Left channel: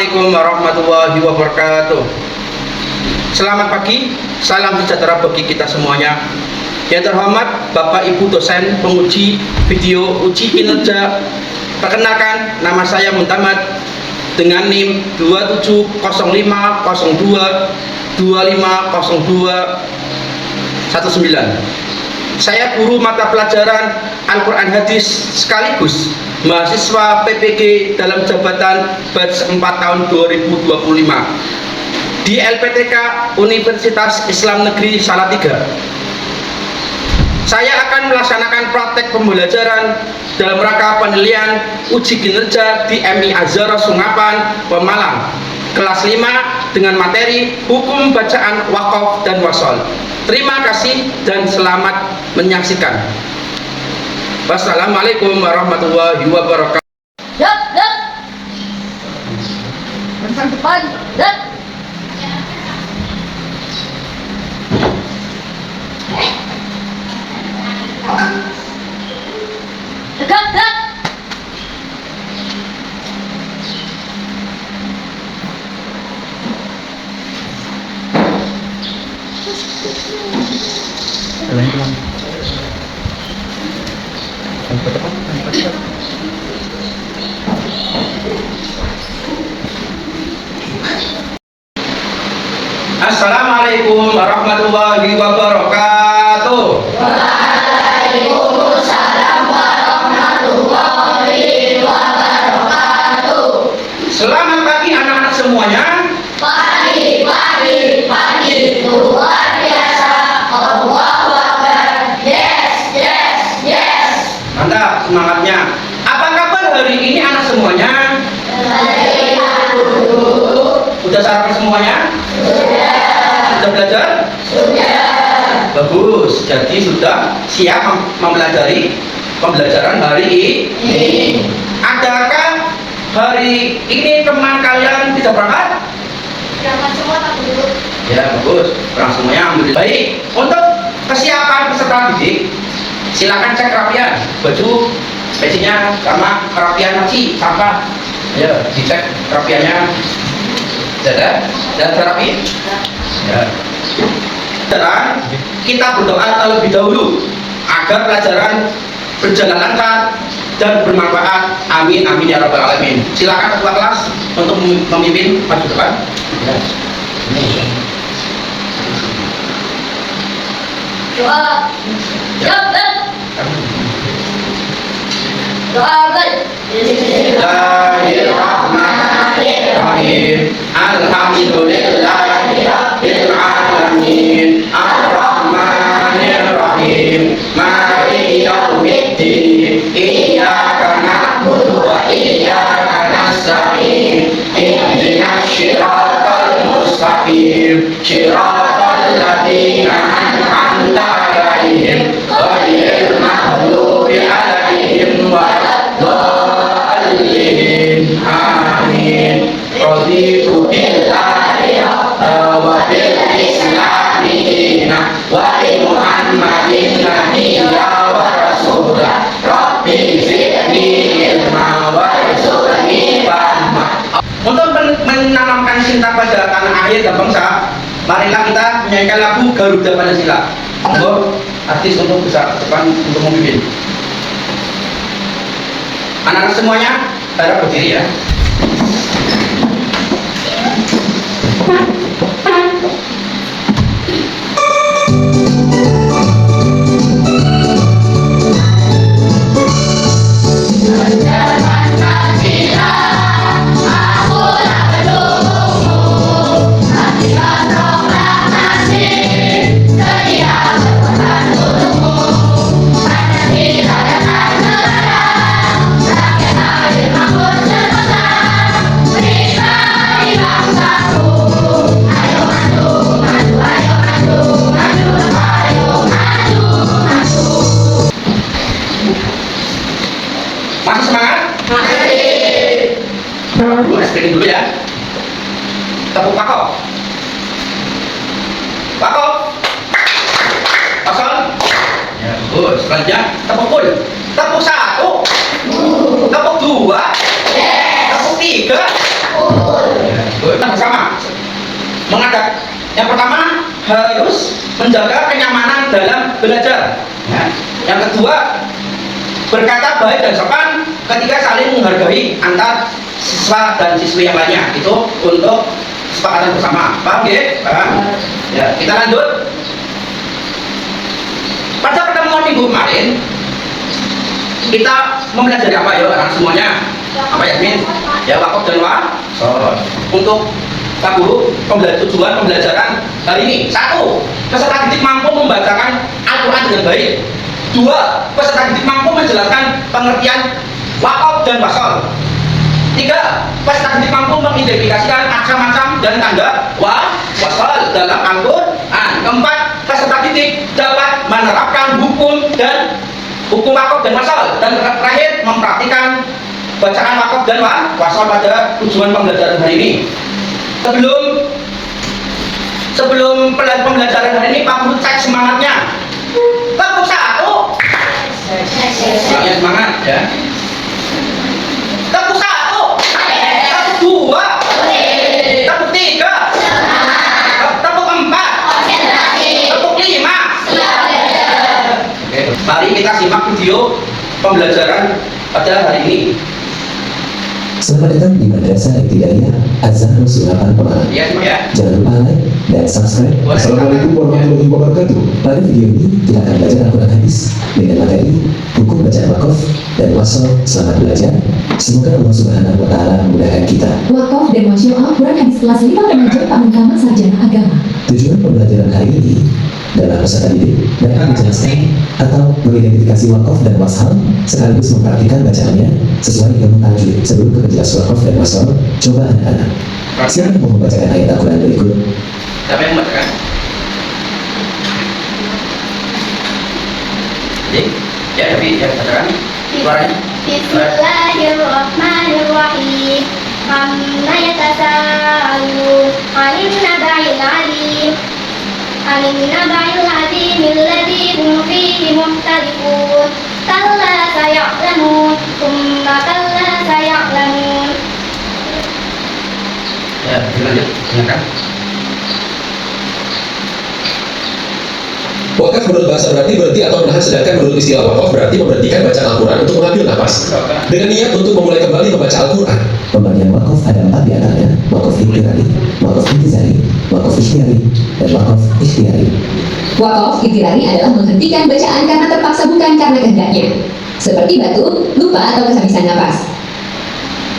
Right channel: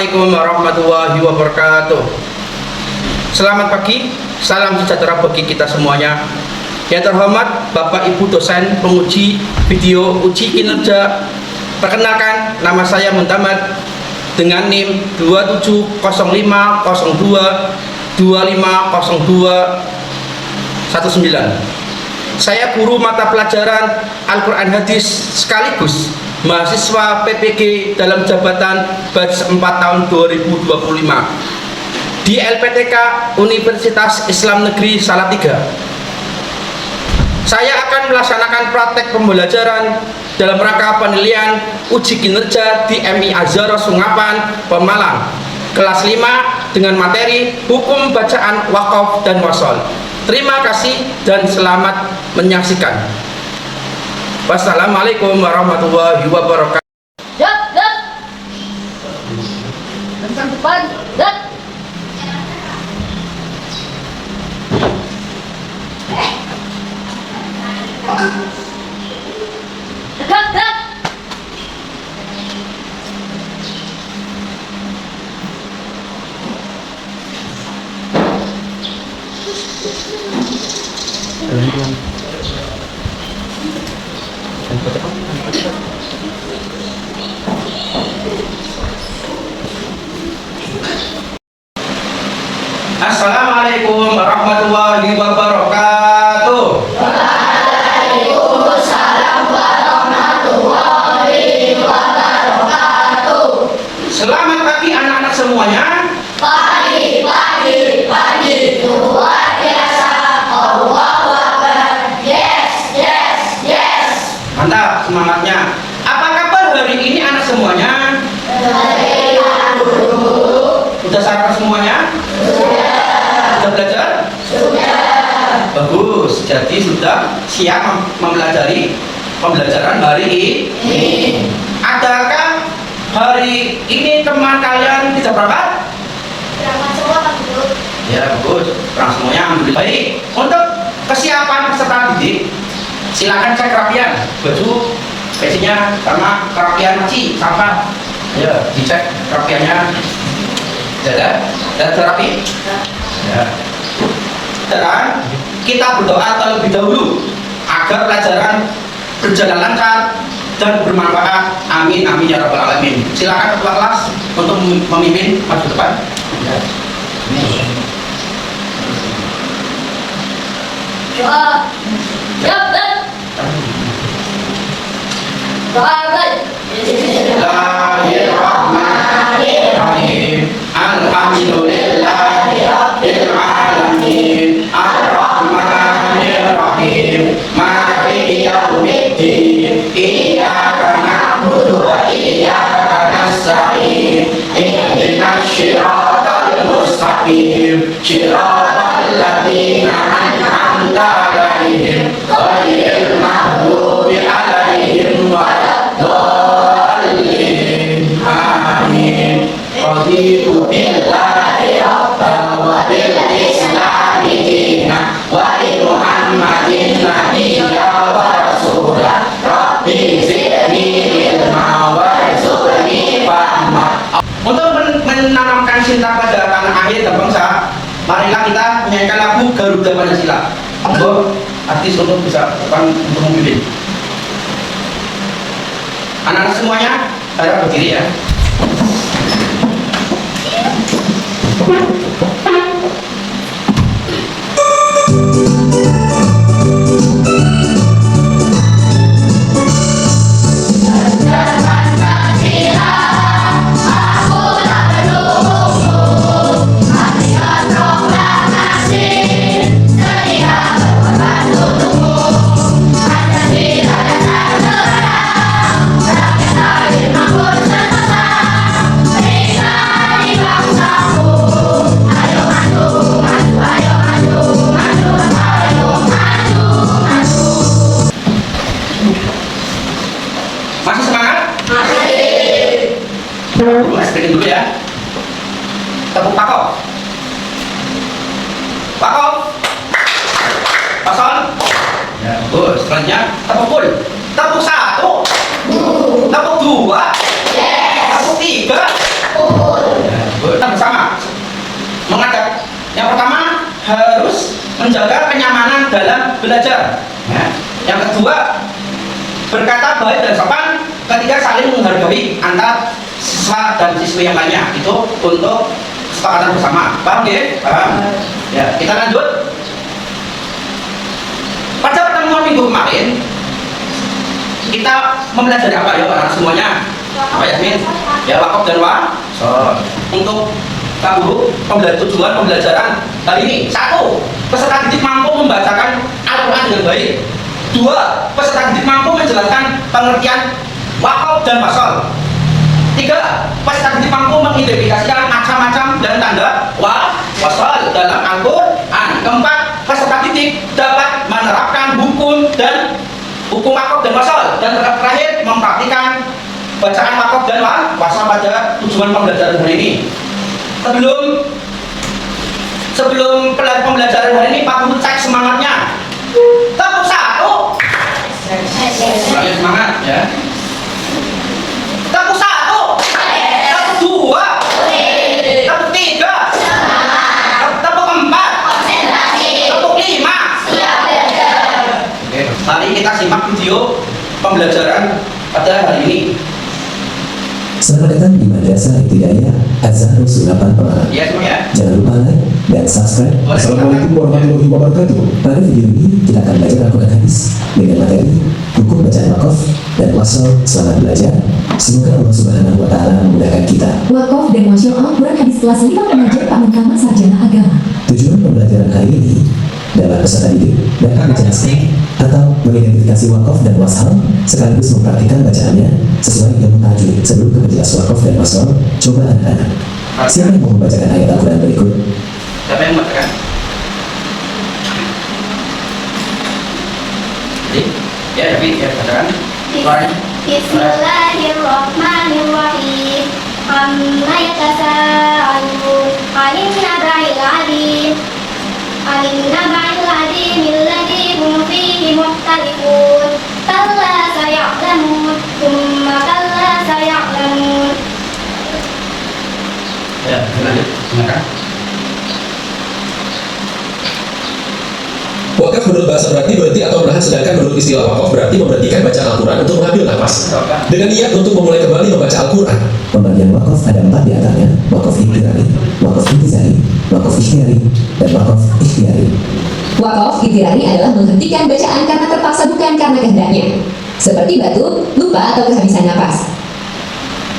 Assalamualaikum warahmatullahi wabarakatuh. Selamat pagi, salam sejahtera bagi kita semuanya. Yang terhormat Bapak Ibu dosen penguji video uji kinerja. Perkenalkan, nama saya Muntamad dengan NIM 270502250219. Saya guru mata pelajaran Al-Quran Hadis sekaligus mahasiswa PPG dalam jabatan batch 4 tahun 2025 di LPTK Universitas Islam Negeri Salatiga. Saya akan melaksanakan praktek pembelajaran dalam rangka penilaian uji kinerja di MI Azhar Sungapan, Pemalang, kelas 5 dengan materi hukum bacaan wakaf dan wasol. Terima kasih dan selamat menyaksikan. Wassalamualaikum warahmatullahi wabarakatuh. Dek. Bentang depan, dek. Tegak, dek. Assalamualaikum warahmatullahi wabarakatuh. Waalaikumsalam warahmatullahi wabarakatuh. Selamat pagi anak-anak semuanya. Pagi, luar biasa. Allahu Akbar. Yes. Mantap semangatnya. Apa kabar hari ini anak semuanya? Sudah sarapan semuanya? Sudah belajar? Sudah. Bagus. Jadi sudah siap mempelajari pembelajaran hari ini. Adakah hari ini teman kalian tidak berangkat? Berangkat semua, Pak Guru. Ya bagus. Berangkat semuanya. Alhamdulillah. Baik. Untuk kesiapan peserta didik, silakan cek kerapian baju, besinya sama kerapian laci sampah. Ya dicek kerapiannya. Sudah rapi? Ya. Dan kita berdoa terlebih dahulu agar pelajaran berjalan lancar dan bermanfaat. Amin ya rabbal alamin. Silakan ketua kelas untuk memimpin maju depan. Ya. Doa. Siap, dek. Doa, dek. Bismillahirrahmanirrahim. Alhamdulillahi rabbil alamin. Arrahmanirrahim. Maliki yaumiddin. Iyyaka na'budu wa iyyaka nasta'in. Ihdinas shiratal mustaqim. Shiratal ladzina an'amta 'alaihim ghairil maghdubi 'alaihim waladdallin. Amin. Raditu billahi rabban wa bil islami dinan wa bi Muhammadin nabiyyan wa rasulan. Rabbi zidni ilma warzuqni fahma. Untuk menanamkan cinta pada tanah air dan bangsa, marilah kita menyanyikan lagu Garuda Pancasila. Monggo artis untuk bisa depan untuk memimpin. Anak-anak semuanya harap berdiri ya. Masih semangat? Masih. Dulu ya. Tepuk pakok. Pakok. Pasal. Ya, bagus. Selanjutnya tepuk pul. Tepuk satu. Tepuk dua. Tepuk tiga. menjaga kenyamanan dalam belajar. Ya. Yang kedua, berkata baik dan sopan. Ketiga, saling menghargai antar siswa dan siswi yang lainnya. Itu untuk kesepakatan bersama. Paham ya? Paham? Ya, kita lanjut. Pada pertemuan minggu kemarin, kita mempelajari apa ya anak semuanya? Apa Yasmin? Ya, wakaf dan wasol. Untuk Pak Guru, tujuan pembelajaran hari ini. 1. Peserta didik mampu membacakan Al-Quran dengan baik. 2. Peserta didik mampu menjelaskan pengertian wakaf dan wasol. 3. Peserta didik mampu mengidentifikasikan macam-macam dan tanda wasol dalam Al-Quran. 4. Peserta didik dapat menerapkan hukum wakaf dan wasol. Dan terakhir, mempraktikkan bacaan wakaf dan wasol pada tujuan pembelajaran hari ini. Sebelum pembelajaran hari ini, Pak Guru cek semangatnya. Tepuk 1. Semangat ya. Tepuk 1. Tepuk 2. Tepuk 3. Tepuk 4. Tepuk 5. Oke, mari kita simak video pembelajaran pada hari ini. Selamat datang di Madrasah Ibtidaiyah Az-Zahrul Sunapan Pemalang. Ya, semua ya. Jangan lupa like dan subscribe. Assalamualaikum warahmatullahi wabarakatuh. Pada video ini kita akan belajar Al-Quran hadis dengan materi hukum bacaan wakaf dan wasol. Selamat belajar. Semoga Allah Subhanahu wa Ta'ala memudahkan kita. Wakaf dan Masya Al-Quran hadis kelas 5 mengajar Pamekaman Sarjana Agama. Tujuan pembelajaran hari ini dalam peserta didik dapat menjelaskan atau mengidentifikasi wakaf dan wasal sekaligus mempraktikkan bacaannya sesuai ilmu tajwid. Sebelum kita jelas wakaf dan wasal, coba anak-anak siapa yang mau membacakan ayat Al-Quran berikut? Siapa yang membacakan? Ya, tapi ya bacakan. Suaranya. Bismillahirrahmanirrahim. Amma yatasaalun 'anil naba'il 'adzim. 'Anil naba'il 'adzim alladzi hum fihi mukhtalifun. Kalla saya'lamun, tsumma kalla saya'lamun. Ya, lanjut. Silakan. Wakaf menurut bahasa berarti atau menahan, sedangkan menurut istilah wakaf berarti memberhentikan bacaan Al-Quran untuk mengambil nafas dengan niat untuk memulai kembali membaca Al-Quran. Pembagian wakaf ada 4 di antaranya: wakaf intirari, wakaf intizari, wakaf ikhtiyari, dan wakaf ikhtiyari. Wakaf intirari adalah menghentikan bacaan karena terpaksa, bukan karena kehendaknya. Seperti batuk, lupa, atau kehabisan napas.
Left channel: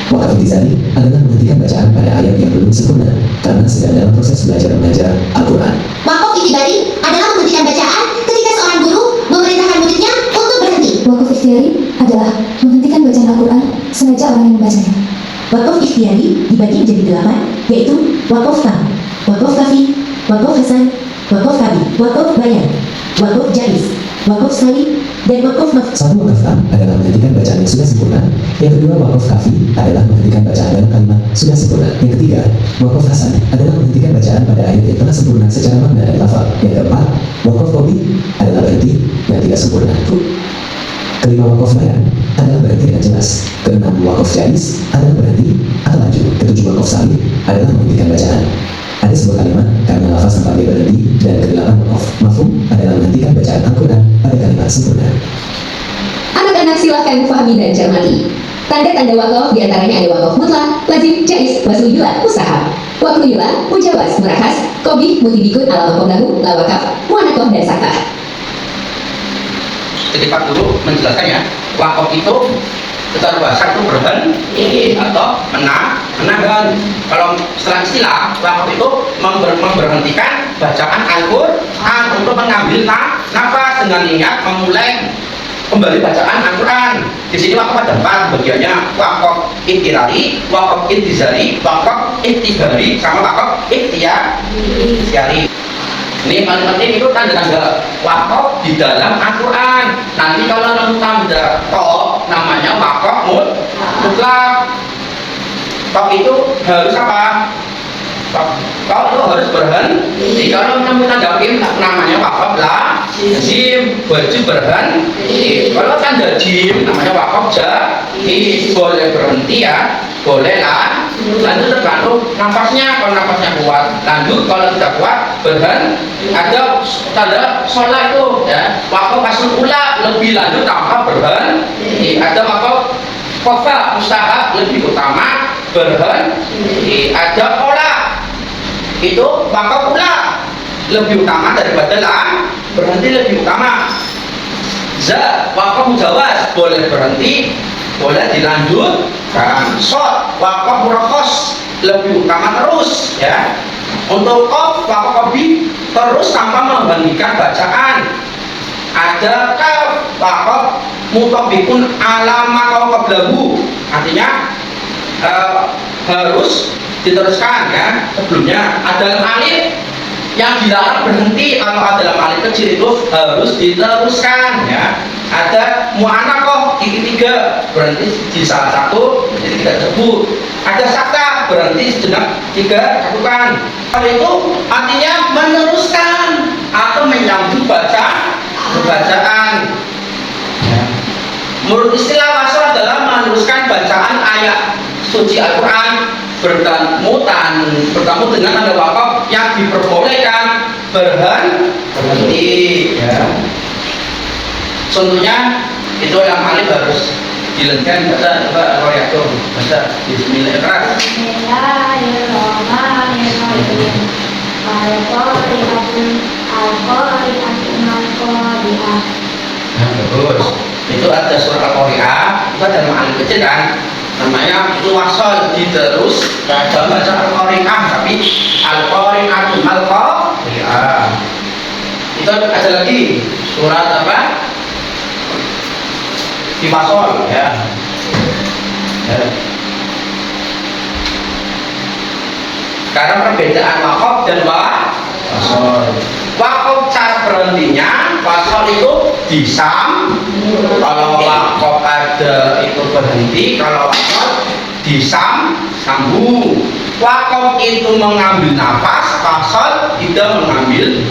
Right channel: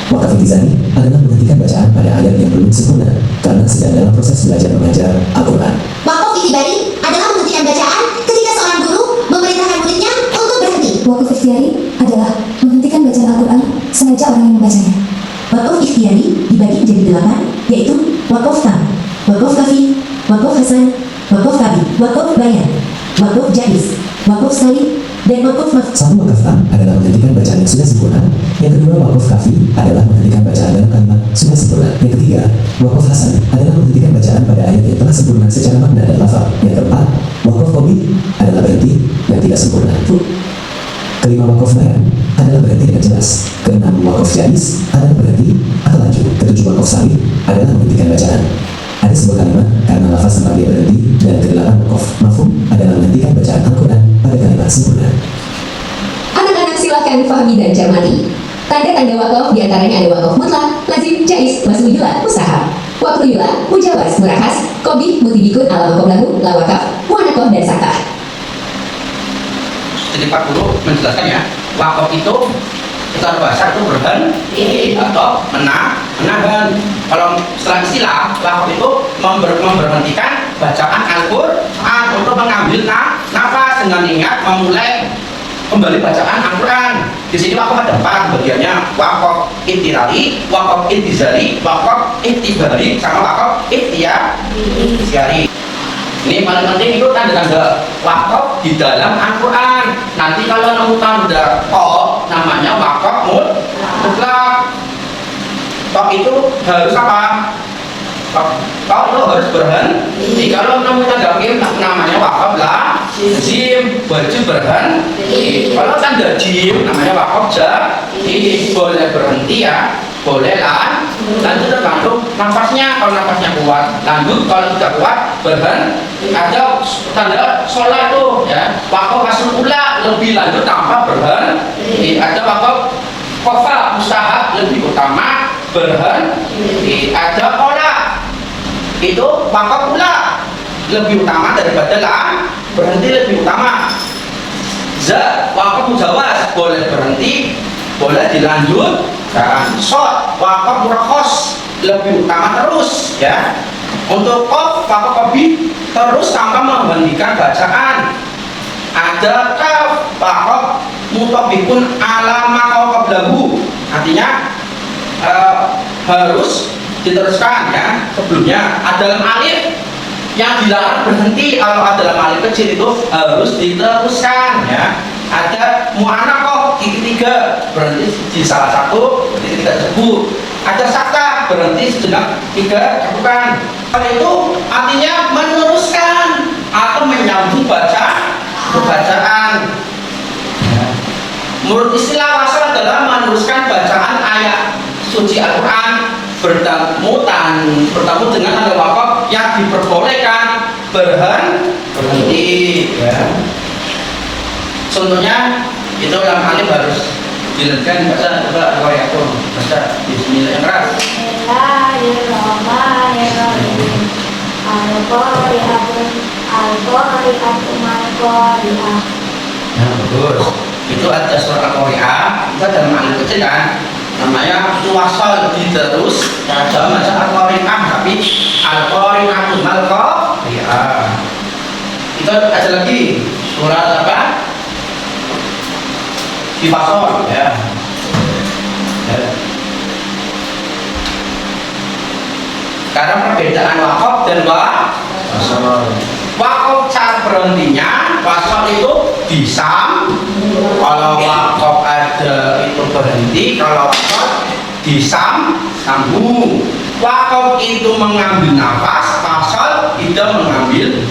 Wakaf intizari adalah menghentikan bacaan pada ayat yang belum sempurna karena sedang dalam proses belajar mengajar Al-Quran. Wakaf ikhtiyari adalah menghentikan bacaan ketika seorang guru memerintahkan muridnya untuk berhenti. Wakaf ikhtiyari adalah menghentikan bacaan Al-Quran sengaja orang yang membacanya. Wakaf ikhtiyari dibagi menjadi 8, yaitu wakaf tam, wakaf kafi, wakaf hasan, wakaf kabi, wakaf bayan, wakaf jaiz, wakaf sa'i, dan wakaf maf'ul. Satu, wakaf tam adalah menghentikan bacaan yang sudah sempurna. Yang kedua, wakaf kafi adalah menghentikan bacaan dalam kalimat sudah sempurna. Yang ketiga, wakaf hasan adalah menghentikan bacaan pada ayat yang telah sempurna secara makna dan lafaz. Yang keempat, wakaf qawi adalah berhenti yang tidak sempurna. Kelima, wakaf bayan adalah berhenti dengan jelas. Keenam, wakaf jaiz adalah berhenti atau lanjut. Ketujuh, wakaf sa'i adalah menghentikan bacaan ada sebuah kalimat karena lafaz tempat dia berhenti. Dan kedelapan, wakaf mafhum adalah menghentikan bacaan Al-Quran pada kalimat sempurna. Anak-anak silakan fahami dan cermati. Tanda-tanda wakaf diantaranya ada wakaf mutlak, lazim, jaiz, wasmuyula, mustahab. Wakmuyula, mujawaz, murakhas, qobi, mutibikun, ala makomlahu, lawakaf, muanakoh, dan sakah. Jadi Pak Guru menjelaskan ya, wakaf itu secara bahasa itu berhenti atau menahan. Kalau setelah istilah, wakaf itu memberhentikan bacaan Al-Quran untuk mengambil nafas dengan niat memulai kembali bacaan Al-Quran. Di sini wakaf ada 4 bagiannya: wakaf intirari, wakaf intizari, wakaf iktibari, sama wakaf ikhtiyari. Ini paling penting itu tanda-tanda wakaf di dalam Al-Quran. Nanti kalau nemu tanda tok, namanya wakaf mutlak. Tok itu harus apa? Tok itu harus berhenti. Kalau nemu tanda jim, namanya wakaf lazim, baju berhenti. Kalau tanda jim, namanya wakaf jadi boleh berhenti ya, boleh Lanjut tergantung nafasnya. Kalau nafasnya kuat, lanjut. Kalau tidak kuat, berhenti. Ada tanda sholat itu ya. Wakaf asal ula lebih lanjut tanpa berhenti. Ada wakaf kofa mustahab lebih utama berhenti. Ada kola itu wakaf ula lebih utama daripada berhenti lebih utama. Wakaf mujawaz boleh berhenti, boleh dilanjutkan. Wakaf murakhos lebih utama terus ya. Untuk wakaf kobi terus tanpa menghentikan bacaan. Ada wakaf mutabikun alama qablahu, artinya harus diteruskan ya sebelumnya. Ada alif yang dilarang berhenti. Kalau adalah alif kecil itu harus diteruskan ya. Ada mu'anaqah titik 3 berhenti di salah satu titik tersebut. Ada sakta berhenti sejenak 3 lakukan. Hal itu artinya meneruskan atau menyambung bacaan ya. Menurut istilah wasal adalah meneruskan bacaan ayat suci Al-Quran bertemu dengan ada wakaf yang diperbolehkan berhenti ya. Contohnya itu yang alif harus dilenkan. Baca coba al-qari'ah, baca bismillahirrahmanirrahim. Bismillahirrahmanirrahim. Al-qari'atun mal-qari'ah. Nah, bagus. Itu ada surat al-qari'ah, itu ada alif kecil kan, namanya wasal diterus ya, dalam baca al-qari'ah, tapi al-qari'atun mal-qari'ah. Itu ada lagi surat apa? Di pasol ya. Karena perbedaan wakaf dan wasol. Wakaf cara berhentinya, wasol itu disam. Kalau wakaf ada itu berhenti, kalau wasol sambung. Wakaf itu mengambil nafas, wasol itu mengambil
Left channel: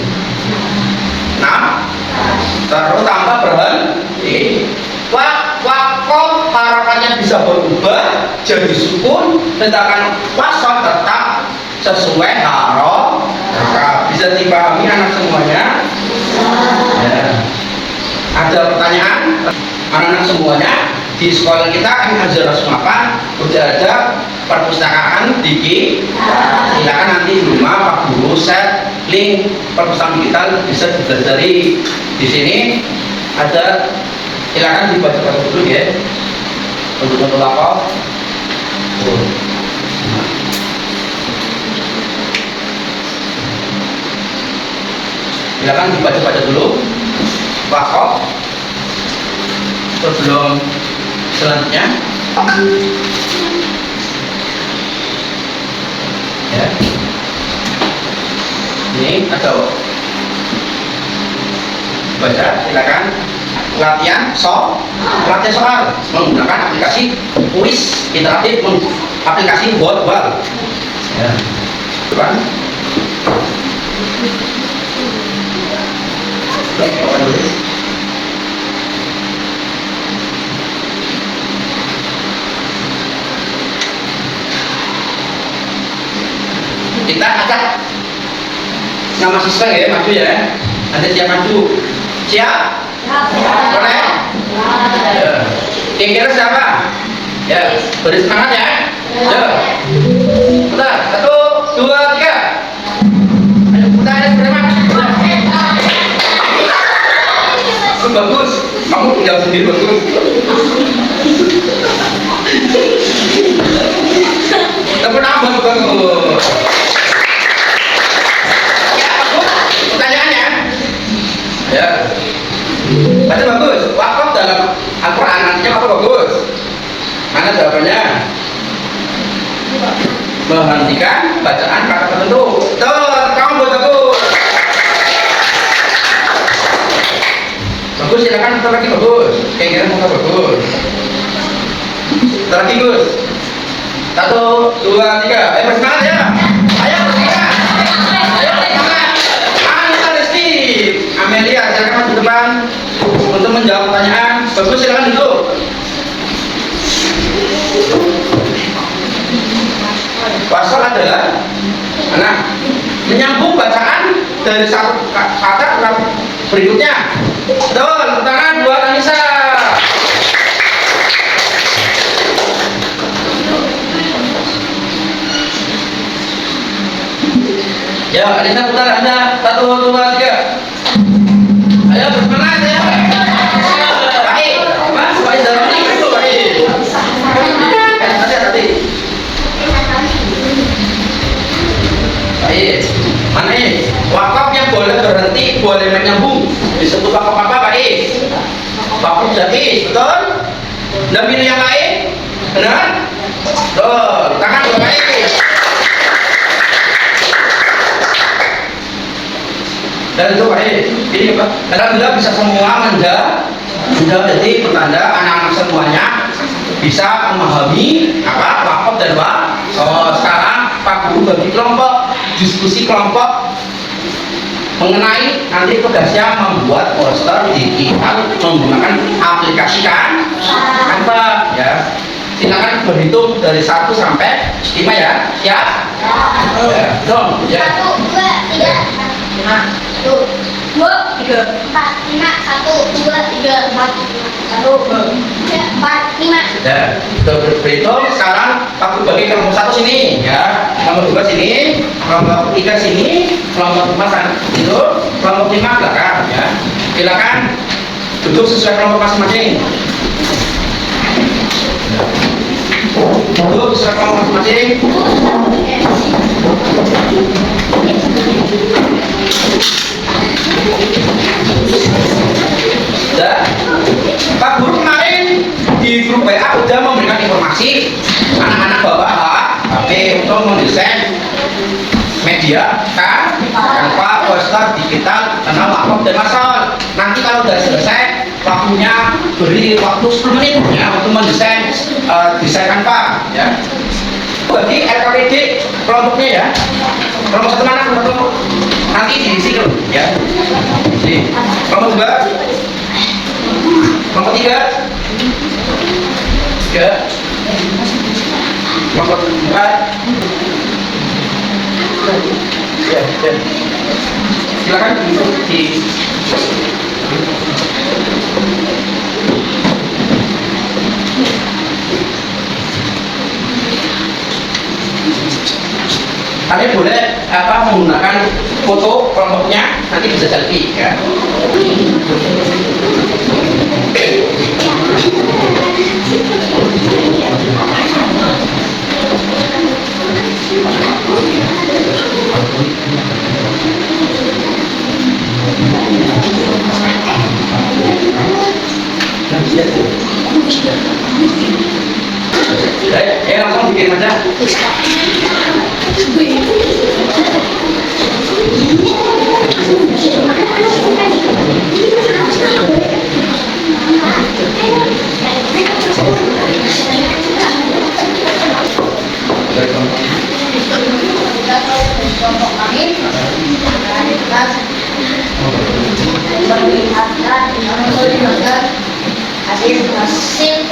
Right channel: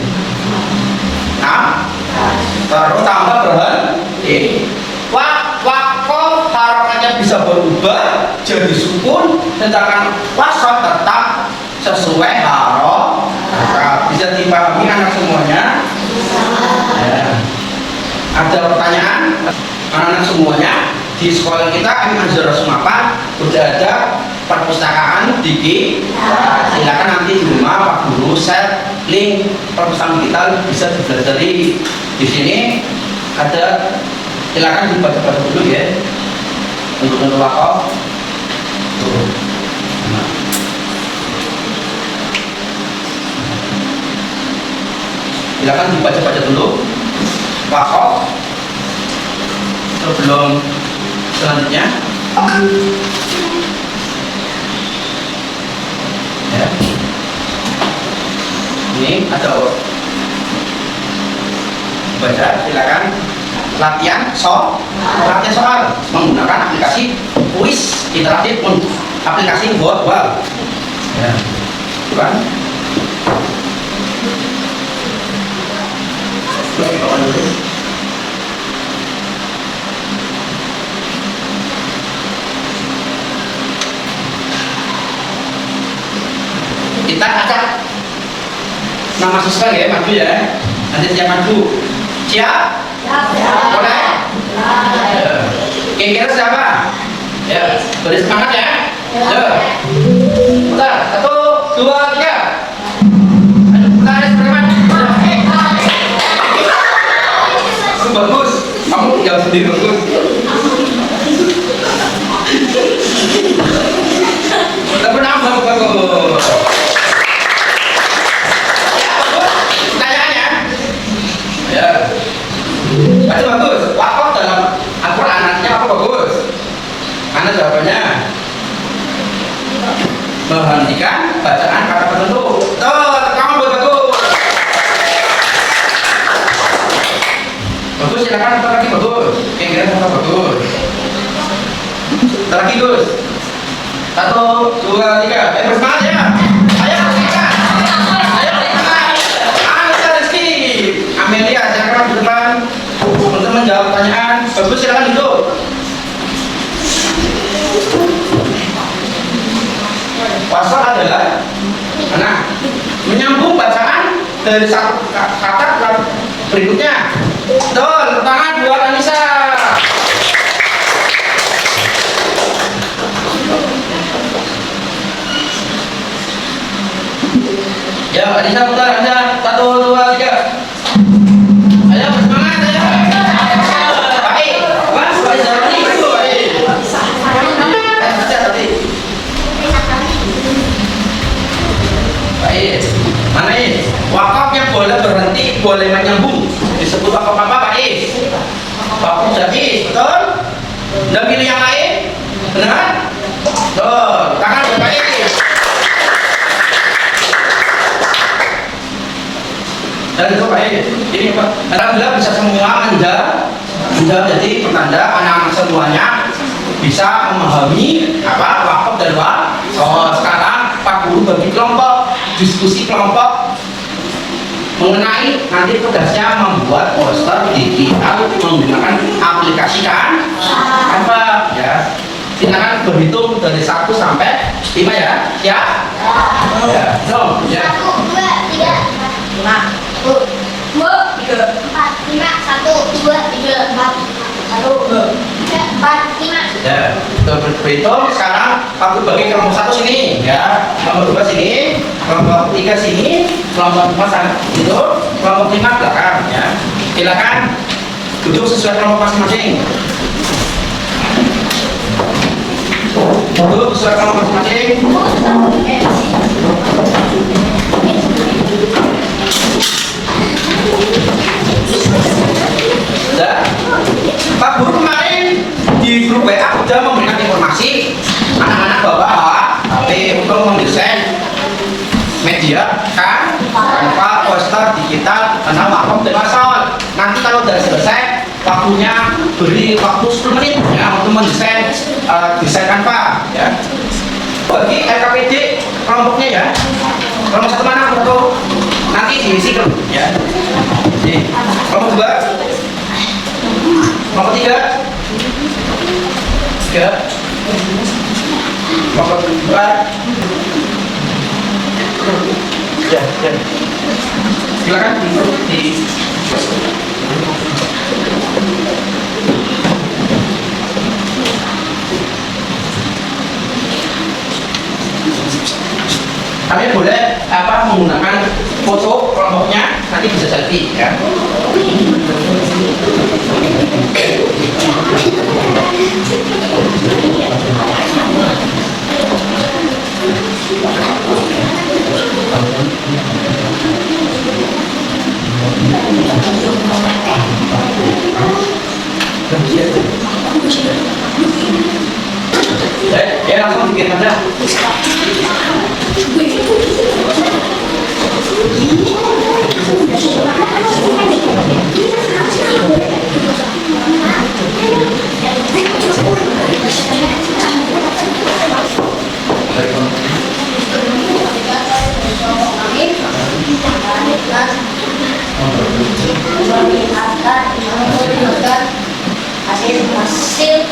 terus tanpa berhenti. Wakaf harapannya bisa berubah jadi sukun, sedangkan wasal tetap sesuai harokat. Bisa dipahami anak semuanya? Ya. Ada pertanyaan? Anak-anak semuanya, di sekolah kita Azhar Sumapan sudah ada perpustakaan Diki. Silakan nanti di rumah Pak Guru set link perpustakaan digital, bisa dipelajari di sini. Ada, silakan dibaca-baca dulu ya untuk wakaf. Silakan dibaca-baca dulu wakaf sebelum selanjutnya ya. Ini ada baca, silakan. Latihan soal menggunakan aplikasi kuis interaktif, aplikasi Wordwall ya. Kan? Kita acak nama siswa ya, maju ya. Nanti siap maju. Siap? Boleh? Kira-kira siapa? Ya, beri semangat ya. Ya. Bentar, 1, 2, 3. Ayo, bentar ya, preman. Bagus, kamu tinggal sendiri bagus. Tapi nambah bagus. Ya, baca bagus. Wakaf dalam Al-Quran artinya apa bagus? Mana jawabannya? Menghentikan bacaan kata tertentu. Tuh, kamu buat bagus. Bagus, silakan satu lagi bagus. Kira-kira muka bagus. Satu lagi Gus. 1, 2, 3. Bersemangat ya. Ayo bersemangat. Ayo bersemangat. Anissa Rizky, Amelia, silakan di depan untuk menjawab pertanyaan. Bagus, silakan duduk. wakaf adalah mana? Menyambung bacaan dari satu kata ke berikutnya. Betul, tangan buat Anissa. Ya, Anissa putar Anda. 1, 2, 3. Ayo bersemangat ya. Baik. Apa? Baik dalam ini itu baik. Tadi. Baik. Mana ini? Wakaf yang boleh berhenti, boleh menyambung. Disebut wakaf apa, Pak Is? Wakaf jais, betul? Dan pilih yang lain? Benar? Betul. Tangan buat Pak Is. Dan itu Pak Is. Ini apa? Alhamdulillah bisa semua menjadi pertanda anak-anak semuanya bisa memahami apa wakaf dan wakaf. So, sekarang Pak Guru bagi kelompok, diskusi kelompok mengenai nanti tugasnya membuat poster digital menggunakan aplikasi Canva ya. Silakan berhitung dari 1 sampai 5 ya. Siap? Ya. Dong, ya. 1, 2, 3, 5, 1, 2, 3, 4, 5, 1, 2, 3, 4, 1, 4, 5. Ya, kita berhitung. Sekarang aku bagi kelompok 1 sini ya, kelompok 2 sini, kelompok 3 sini, kelompok 4 sana itu, kelompok 5 belakang ya. Silakan duduk sesuai kelompok masing-masing. Duduk sesuai kelompok masing-masing. Ya. Pak Guru kemarin di grup WA sudah memberikan informasi anak-anak bawa HP untuk mendesain media kan, tanpa poster digital tentang wakaf dan masal. Nanti kalau sudah selesai, waktunya beri waktu 10 menit ya untuk mendesain desain Canva ya. Bagi LKPD kelompoknya ya, kelompok 1 mana? Satu nanti diisi ya. Di kelompok 2, kelompok 3, ya, kelompok 4, ya. Silakan di kalian boleh menggunakan foto kelompoknya, nanti bisa selfie ya. Ya langsung bikin aja. Hasil poster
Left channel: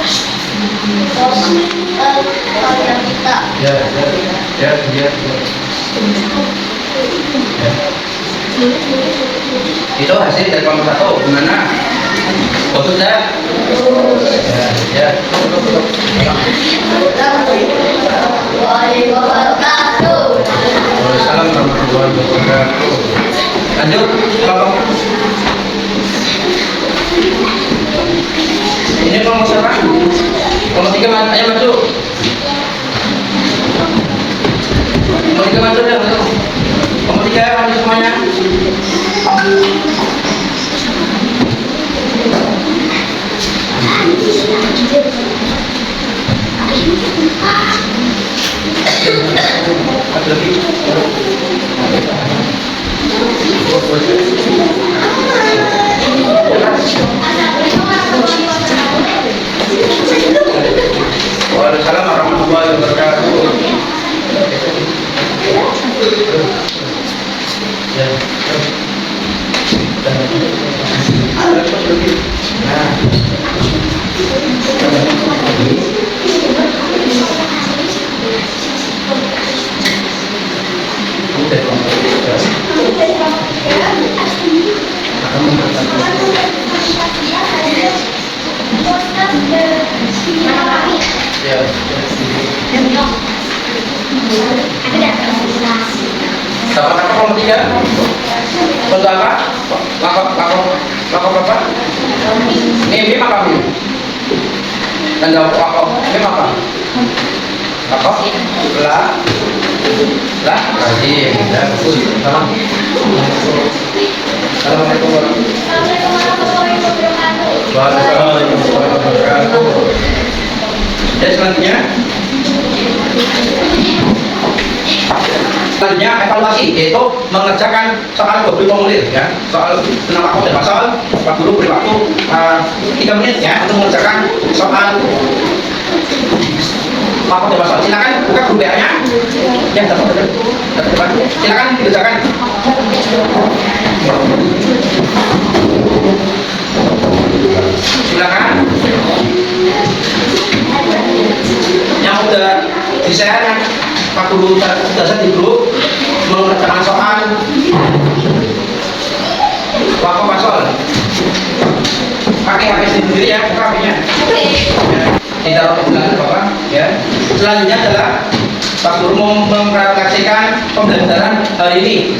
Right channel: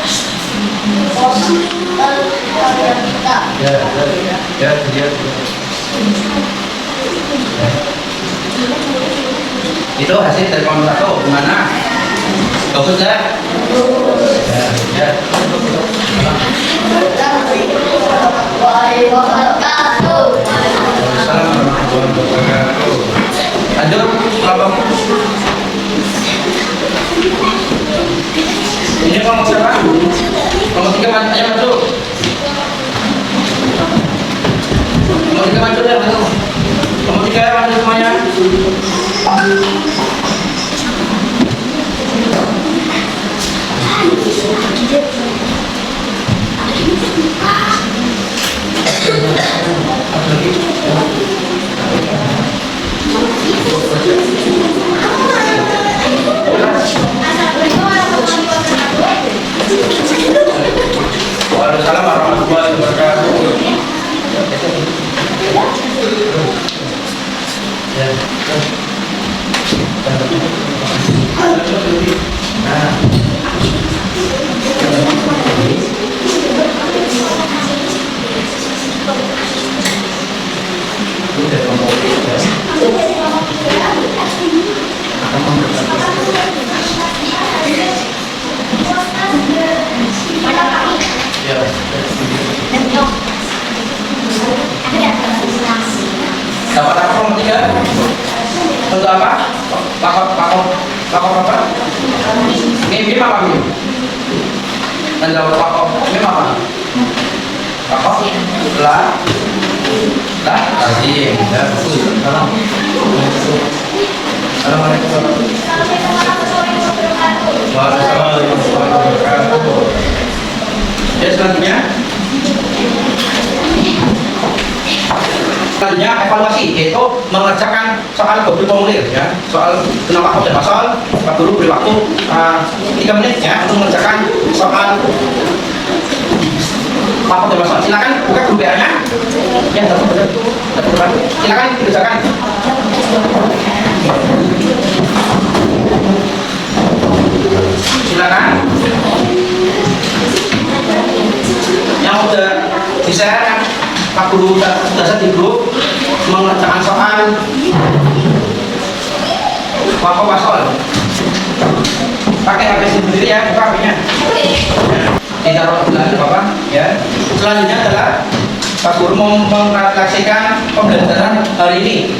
kita. Ya. Itu hasil dari kelompok 1 gimana? Bagus ya? Ya. Waalaikumsalam warahmatullahi wabarakatuh. Lanjut kelompok. Ini kelompok siapa? Kelompok 3 ayo masuk. Kelompok 3 masuk ya, masuk. Kelompok 3 ya, masuk semuanya. Ada lagi. Waalaikumsalam warahmatullahi wabarakatuh. Ya. Dapat apa nomor 3? Bentuk apa? Lakop apa? Mim apa mim? Dan jawab lakop. Mim apa? Lakop? Lazim. Ya, betul. Salam. Assalamualaikum warahmatullahi wabarakatuh. Dan selanjutnya evaluasi, yaitu mengerjakan soal beri formulir ya, soal tentang lakop dan pasal. Pak Guru beri waktu 3 menit ya untuk mengerjakan soal lakop dan pasal. Silakan buka grup WA-nya. Ya, depan. Silakan dikerjakan. Silakan. Yang udah di-share Pak Guru sudah di grup mengerjakan soal wakaf pasal. Pakai HP sendiri ya, buka HP-nya. Ya, ditaruh dengan Bapak ya. Selanjutnya adalah Pak Guru mempresentasikan pembelajaran hari ini.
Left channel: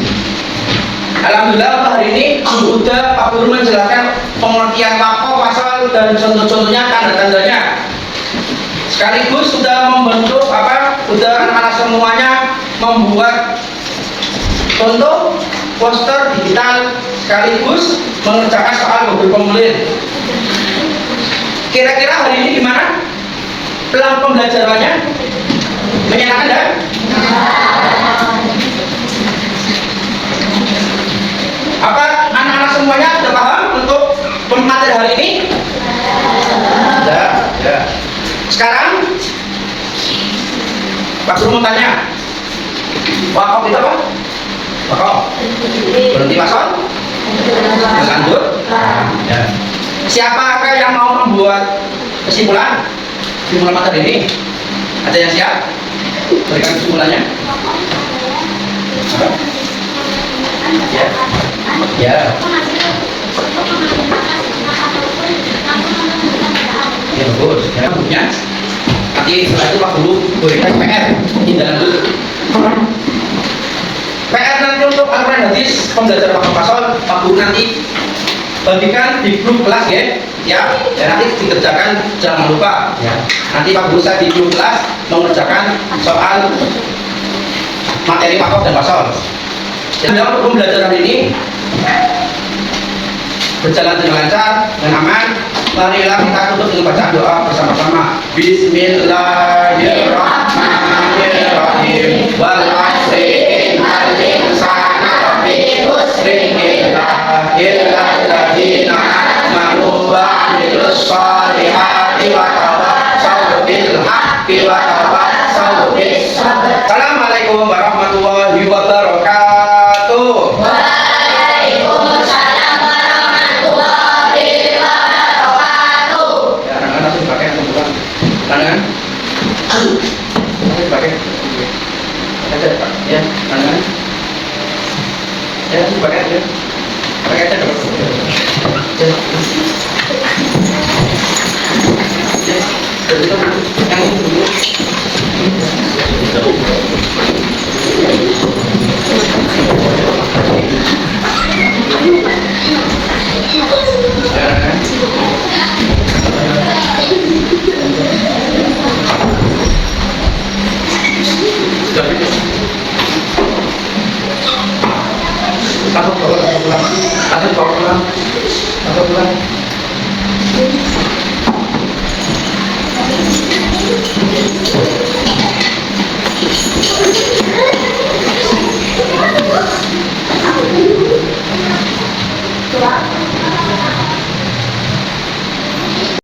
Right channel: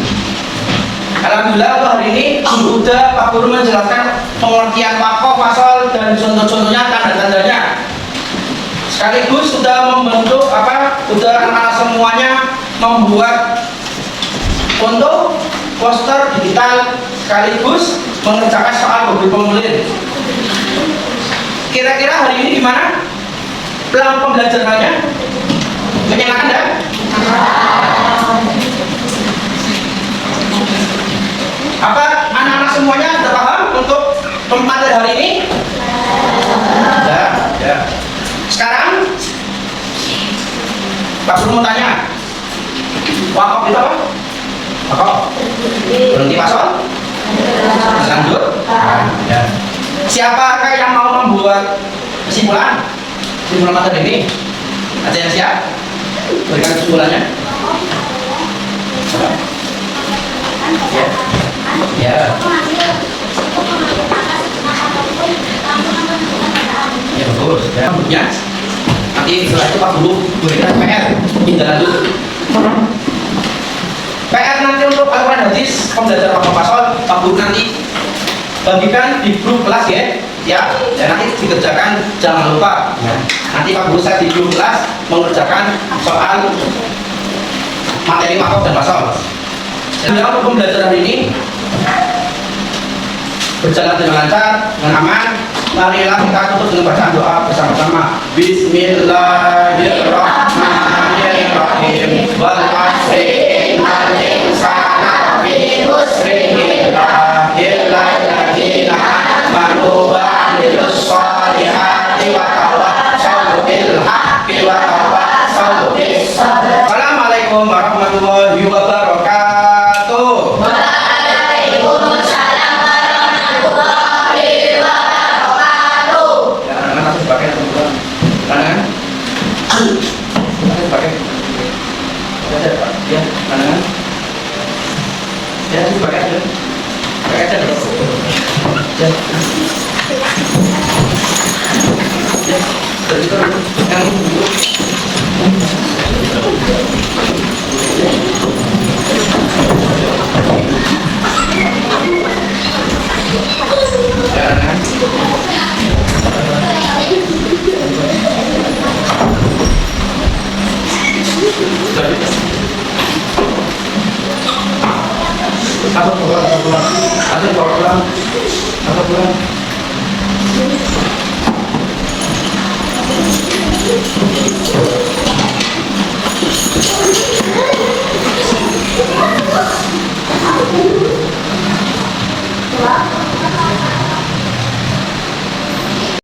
Alhamdulillah untuk hari ini sudah Pak Guru menjelaskan pengertian wakaf pasal dan contoh-contohnya, tanda-tandanya. Sekaligus sudah membentuk sudah anak-anak semuanya membuat contoh poster digital sekaligus mengerjakan soal beri formulir. Kira-kira hari ini gimana? Pelan pembelajarannya? Menyenangkan ya? Apa anak-anak semuanya sudah paham untuk materi hari ini? Ya. Sekarang Pak Guru mau tanya, wakaf itu apa? Wakaf berhenti pasal? Lanjut? Ya. Siapakah yang mau membuat kesimpulan materi ini? Ada yang siap? Berikan kesimpulannya. Ya. Ya. Ya bagus. Ya, maksudnya nanti setelah itu Pak Guru berikan PR tindak lanjut. PR nanti untuk Al-Quran hadis pembelajaran wakaf pasal Pak Guru nanti bagikan di grup kelas ya, nanti dikerjakan, jangan lupa ya. Nanti Pak Guru saya di grup kelas mengerjakan soal materi wakaf dan pasal. Jadi untuk pembelajaran ini berjalan dengan lancar dan aman. Marilah kita tutup dengan bacaan doa bersama-sama. Bismillahirrahmanirrahim. Wal asri innal insana lafi khusrin illa alladzina amanu wa amilus shalihati wa tawassaw bil haqqi wa tawassaw bis sabr. Assalamualaikum warahmatullahi wabarakatuh. Kanan, pakai, ya, kanan, ya, pakai aja dulu, ya, ya, yang dulu, Aku pulang.